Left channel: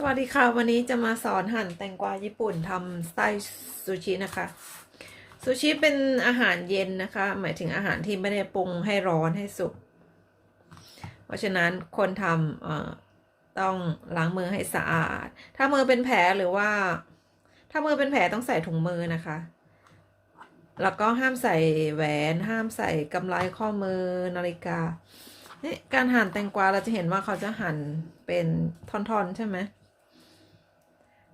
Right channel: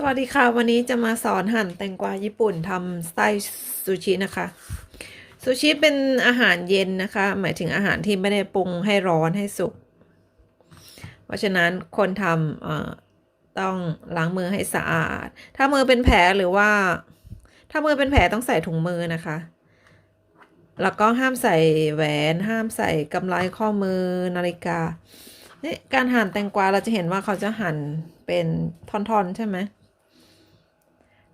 สวัสดีค่ะ วันนี้จะมาสอนหั่นแตงกวาญี่ปุ่นทำสไตล์ซูชินะคะ ซูชิเป็นอาหารเย็นนะคะ หมายถึงอาหารที่ไม่ได้ปรุงให้ร้อนให้สุก เพราะฉะนั้นคนทำต้องล้างมือให้สะอาด ถ้ามือเป็นแผลหรือว่า ถ้ามือเป็นแผลต้องใส่ถุงมือนะคะ แล้วก็ห้ามใส่แหวน ห้ามใส่กำไลข้อมือนาฬิกานี่การหั่นแตงกวาเราจะเห็นว่าเขาจะหั่นเป็นท่อนๆใช่ไหม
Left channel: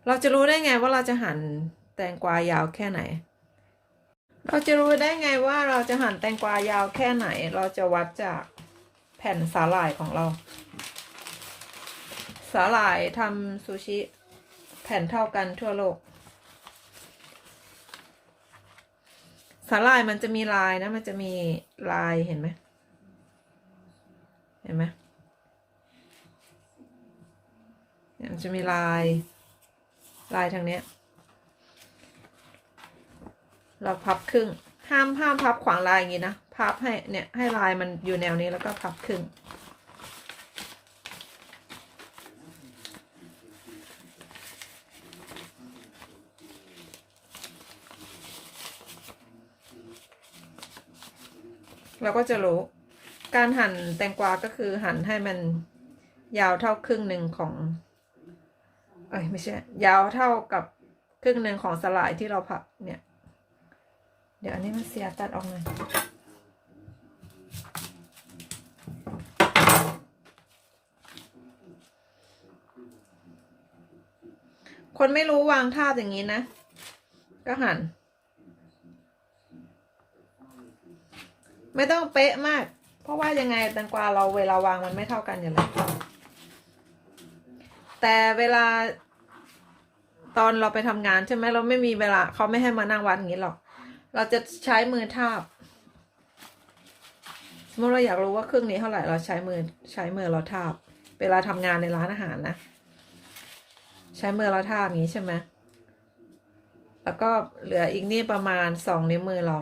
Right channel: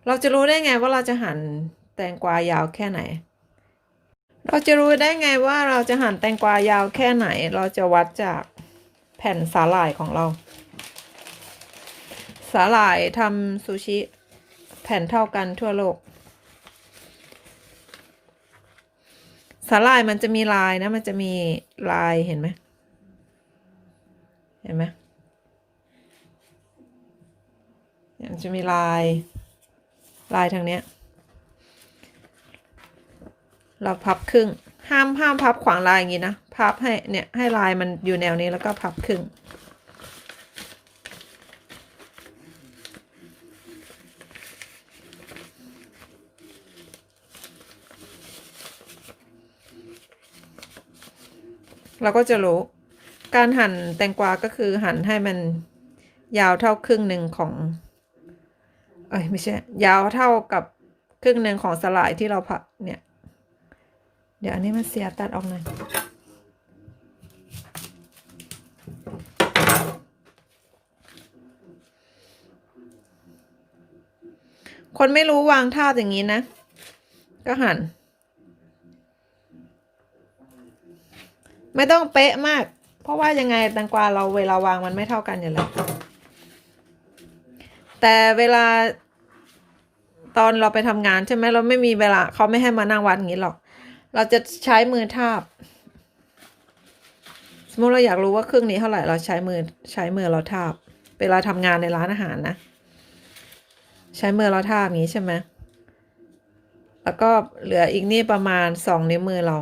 เราจะรู้ได้ไงว่าเราจะหั่นแตงกวายาวแค่ไหน เราจะรู้ได้ไงว่าเราจะหั่นแตงกวายาวแค่ไหน เราจะวัดจากแผ่นสาหร่ายของเรา สาหร่ายทำซูชิแผ่นเท่ากันทั่วโลก สาหร่ายมันจะมีลายนะ มันจะมีลายเห็นไหมเห็นไหมมันจะมีลาย ลายทางเนี้ย เราพับครึ่ง ห้ามห้ามพับขวางลายอย่างงี้นะ พับให้เนี่ยให้ลายมันอยู่แนวนี้แล้วก็พับครึ่ง เราก็จะรู้ การหั่นแตงกวาก็คือหั่นให้มันยาวเท่าครึ่งหนึ่งของ อ้ยไม่ใช่ ยาวเท่ากับครึ่งหนึ่งของสลายที่เราผัดเนี่ย เดี๋ยวอันนี้มันเสียตัดออกหน่อยคนไม่รู้วางท่าอย่างนี้นะ ก็หัน ไม่ต้องเป๊ะมาก เพราะว่ายังไงแตงกวาเราเวลาวางมันไม่เท่ากันอยู่แล้วแต่เวลา ตอนเราไปทำงานใช่ไหมเราไม่มีเวลาเขาไม่ให้มานั่งวัดอย่างนี้หรอก เราจะใช้มือทาบ สมมติเราอยากรู้ว่าครึ่งนี้เท่าไหร่เราใช้มือใช้มือเราทาบ เวลาทำงานในร้านอาหารนะ ใช้มือเราทาบอย่างนี้ใช่ไหมแล้วก็เหลืออีกนี่ประมาณสองนิ้วมือเรา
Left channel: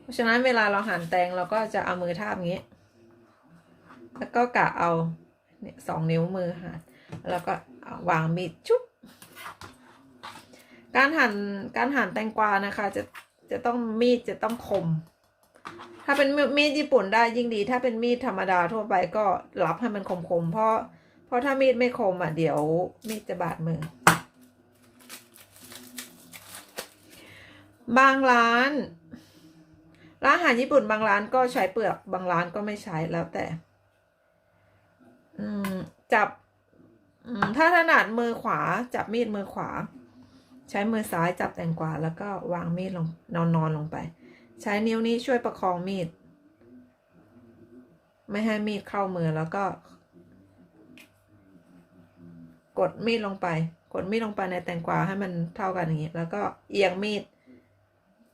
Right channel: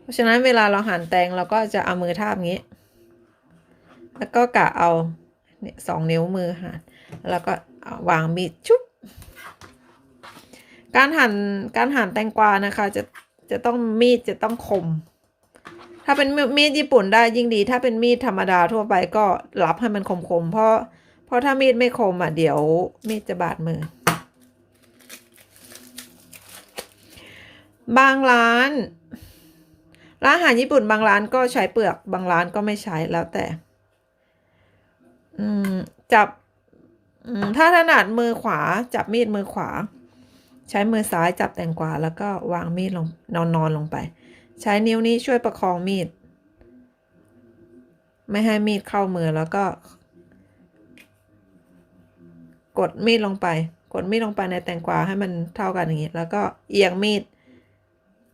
เพราะฉะนั้นเวลาเราหั่นแตงเราก็จะเอามือทาบอย่างนี้ แล้วก็กะเอาเนี่ยสองนิ้วมือหั่นแล้วก็วางมีดชุบ การหั่นการหั่นแตงกวานะคะ จะจะต้องมีดจะต้องคม ถ้าเป็นมีดญี่ปุ่นได้ยิ่งดี ถ้าเป็นมีดธรรมดาทั่วไปก็รับให้มันคมๆเพราะเพราะถ้ามีดไม่คมอะเดี๋ยวมีดจะบาดมือ บางร้านร้านอาหารญี่ปุ่นบางร้านก็ใช้เปลือกบางร้านก็ไม่ใช้แล้วแต่ อืมจับถ้าถนัดมือขวา จับมีดมือขวา ใช้มือซ้ายจับแตงกวาแล้วก็วางมีดลงนอนนอนลงไป ใช้นิ้วนี้ช่วยประคองมีด ไม่ให้มีดเข้ามือแล้วก็ กดมีดลงไป กดมีดลงไปในแตงกวาให้มันเท่ากันอย่างนี้ แล้วก็เอียงมีด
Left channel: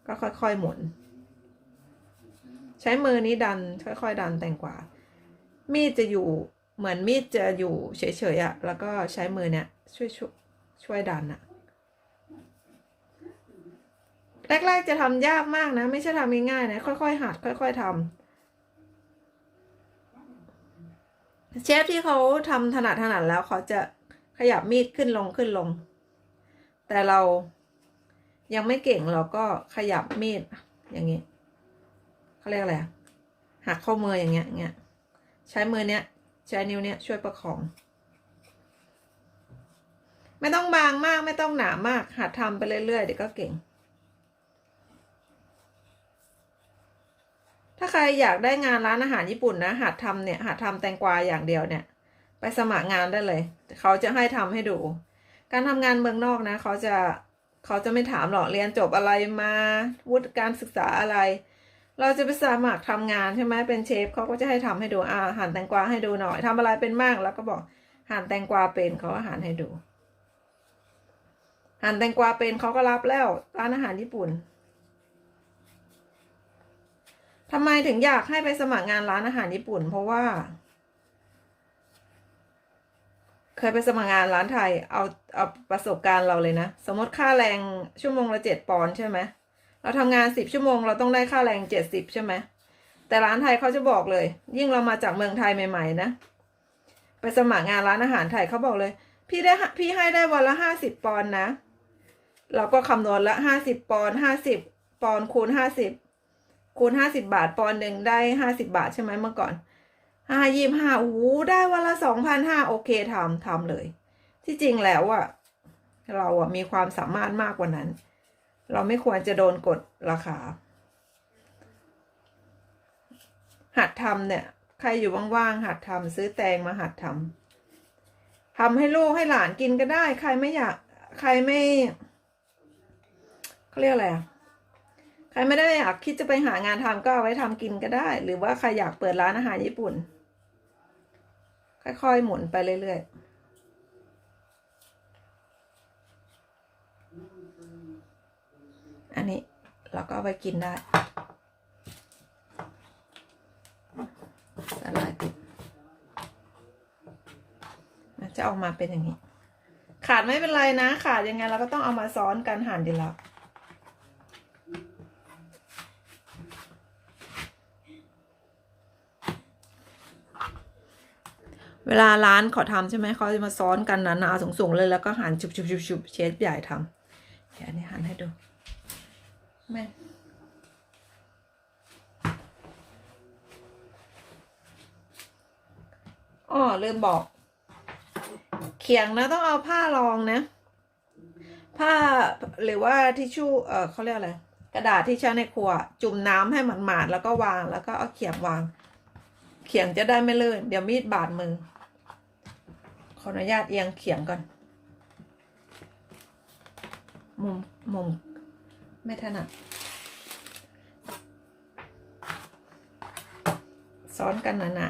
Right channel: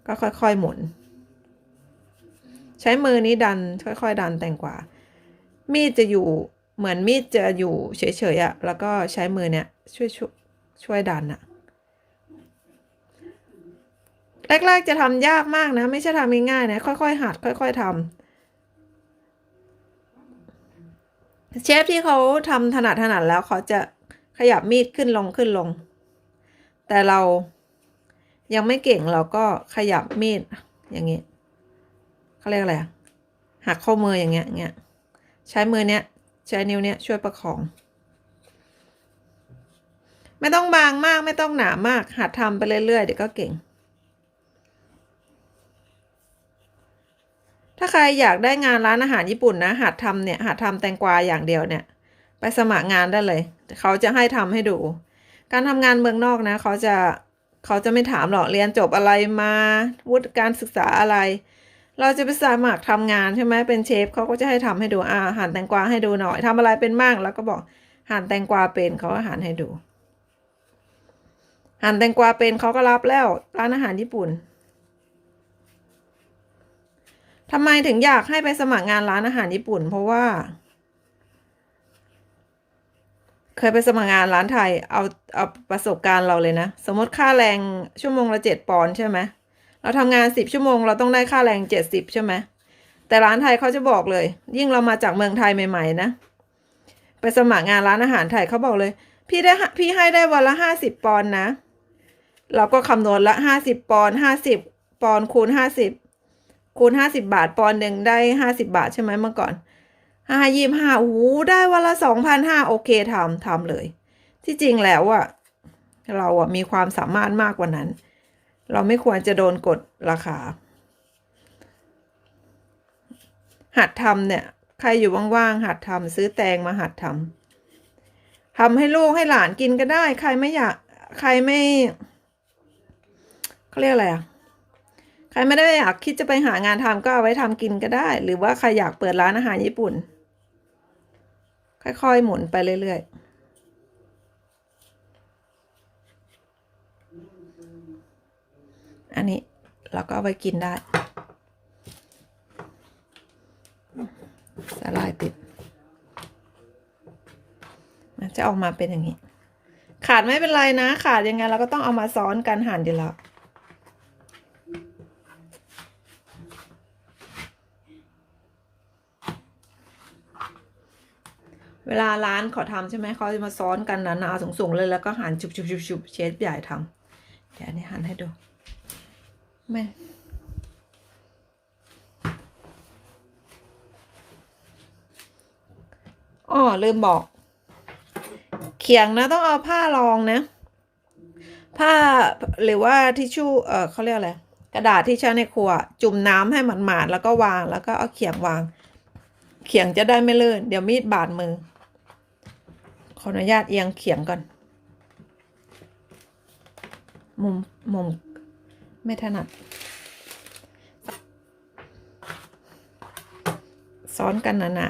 ก็ค่อยๆหมุน ใช้มือนี้ดันค่อย ๆ ดันแตงกวา มีดจะอยู่เหมือนมีดจะอยู่เฉยๆอะ่ะ แล้วก็ใช้มือเนี่ยช่วยช่วยช่วยดันอะ่ะ แรกๆจะทำยากมากนะ ไม่ใช่ทำง่ายๆนะ ค่อยๆหัด ค่อย ๆทำเชฟที่เขาทำถนัดถนัดแล้วเขาจะขยับมีดขึ้นลงขึ้นลง แต่เรายังไม่เก่งเราก็ขยับมีดอย่างนี้เขาเรียกอะไรหักข้อมืออย่างเงี้ยเงี้ยใช้มือเนี้ยใช้นิ้วเนี้ยช่วยประคอง ไม่ต้องบางมากไม่ต้องหนามากหัดทำไปเรื่อยๆเดี๋ยวก็เก่งาใครอยากได้งานร้านอาหารญี่ปุ่นนะหัดทำเนี่ยหัดทำแตงกวาอย่างเดียวเนี่ย ไปสมัครงานได้เลย เขาจะให้ทำให้ดู การทำงานเมืองนอกนะ เขาจะเขาจะไม่ถามหรอกเรียนจบอะไรมาวุฒิการศึกษาอะไร เราจะไปสมัครทำงานใช่ไหมเป็นเชฟเขาก็จะให้ทำให้ดูอ่าหั่นแตงกวาให้ดูหน่อยทำอะไรเป็นมากแล้วก็บอกหั่นแตงกวาเป็นเขาก็หั่นให้ดูหั่นแตงกวาเป็นเขาก็รับแล้วร้านอาหารญี่ปุ่น ทำไมถึงอยากให้ไปสมัครงานร้านอาหารญี่ปุ่น เพราะว่า เคยไปสมัครงานร้านไทย เอาเอาประสบการณ์เราเลยนะ สมมติค่าแรงชั่วโมงละเจ็ดปอนใช่ไหมเราทำงานสิบชั่วโมงเราต้องได้ค่าแรงเจ็ดสิบใช่ไหมแต่ร้านไทยเขาจะบอกเลย ยิ่งเรามาจากเมืองไทยใหม่ ๆ นะ ไปสมัครงานร้านอาหารไทยเขาบอกเลย พี่ได้พี่ให้ได้วันละห้าสิบปอนนะ เราก็คำนวณละห้าสิบปอนห้าสิบปอนคูณห้าสิบ คูณห้าสิบาทปอนหนึ่งได้ห้าสิบาทใช่ไหมเมื่อก่อนห้ายี่ห้าโอ้โหได้วันละสองพันห้าโอเคทำทำเลย ที่จริงแล้วอะเราอะมีความสามารถมากกว่านั้น เราไม่ควรจะโดนกดราคา หัดทำเนี่ย ใครอยู่ว่างๆหัดทำซื้อแตงมาหัดทำทำให้ลูกให้หลานกินก็ได้ ใครไม่อยาก ใครไม่เขาเรียกอะไรอะ ครไม่ได้อยากคิดจะไปหางานทำก็เอาไว้ทำกินก็ได้ หรือว่าใครอยากเปิดร้านอาหารญี่ปุ่น ค่อยๆ หมุนไปเรื่อยๆอันนี้เราก็เอาไว้กินได้สลายติดมันจะออกมาเป็นอย่างนี้ ขาดไม่เป็นไรนะ ขาดยังไงเราก็ต้องเอามาซ้อนกันหั่นดีแล้ว เวลาร้านเขาทำใช่ไหมเขาจะมาซ้อนกันหนาๆสูงๆเลยแล้วก็หั่นชุบๆๆเชฟใหญ่ทำเดี๋ยวนี้หั่นให้ดูไม่อ๋อลืมบอก เขียงนะต้องเอาผ้ารองนะ ผ้าหรือว่าทิชชู่เออเขาเรียกอะไรกระดาษที่ใช้ในครัว จุ่มน้ำให้หมาดๆแล้วก็วางแล้วก็เอาเขียงวาง เขียงจะได้ไม่ลื่นเดี๋ยวมีดบาดมือ ออนุญาตเอียงเขียงก่อน มุม มุม ไม่ถนัด ซ้อนกันหนา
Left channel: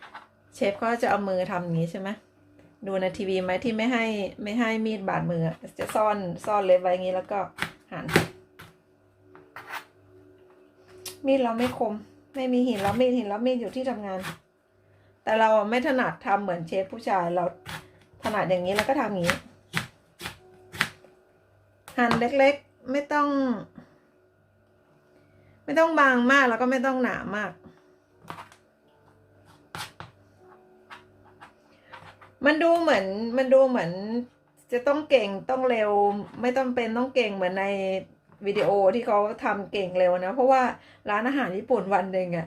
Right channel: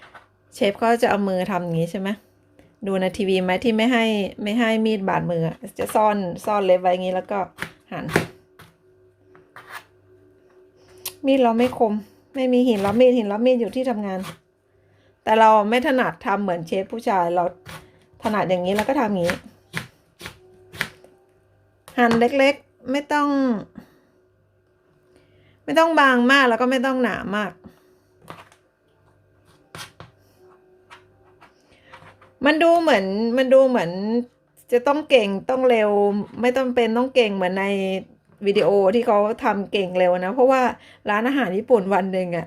ๆ เชฟก็จะเอามือทำอย่างนี้ใช่ไหม ดูในทีวีไหมที่ไม่ให้ไม่ให้มีดบาดมือ จะซ่อนซ่อนเล็บไว้อย่างนี้แล้วก็หัน มีดเราไม่คม ไม่มีหินรับมีดหินรับมีดอยู่ที่ทำงาน แต่เราไม่ถนัดทำเหมือนเชฟผู้ชายเราถนัดอย่างนี้แล้วก็ทำอย่างนี้ หั่นเล็กๆไม่ต้อง ไม่ต้องบางมากแล้วก็ไม่ต้องหนามาก มันดูเหมือนมันดูเหมือนจะต้องเก่งต้องเร็ว ไม่ต้องเป็นต้องเก่งเหมือนในวิดีโอที่เขาทำเก่งเร็วนะ เพราะว่าร้านอาหารญี่ปุ่นวันหนึ่งอะ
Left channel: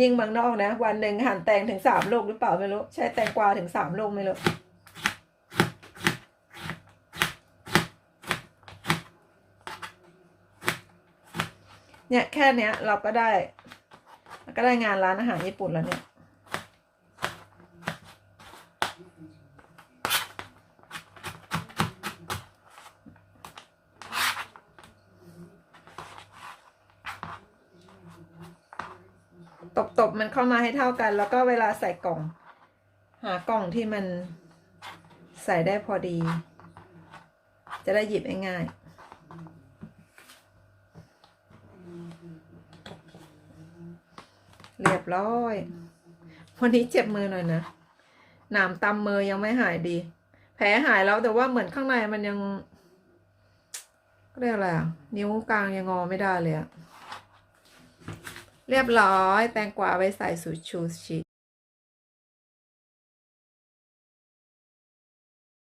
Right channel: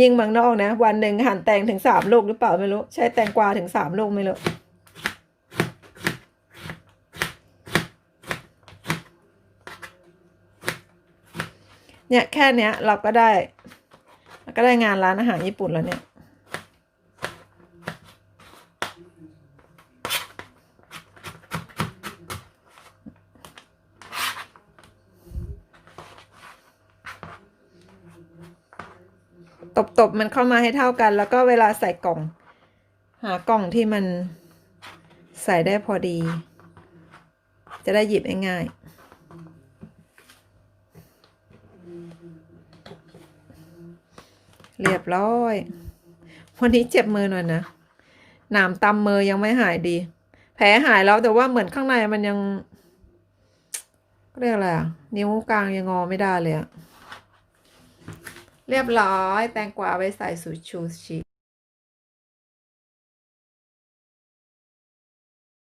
ยิงมังนอกนะ วันหนึ่งหั่นแตงถึงสามลูกหรือเปล่าไม่รู้ ใช้แตงกวาถึงสามลูกไม่รู้เนี่ยแค่เนี้ยเราก็ได้เราก็ได้งานร้านอาหารญี่ปุ่นแล้วเนี่ย ตบตบมันเข้ามาให้เท่ากัน แล้วก็เวลาใส่กล่อง หากล่องที่มันใส่ได้พอดี จะได้หยิบง่ายๆเรียบร้อย วันนี้เจ็บมือหน่อยนะหนามตำมือยังไม่หายดี แผลหายแล้วแต่ว่าเหมือนข้างในมันยังเรียกอะไรอะนิ้วกลางยังงอไม่ได้เลยอะ เรียบร้อย แตงกวาไว้ใส่สูชูชิ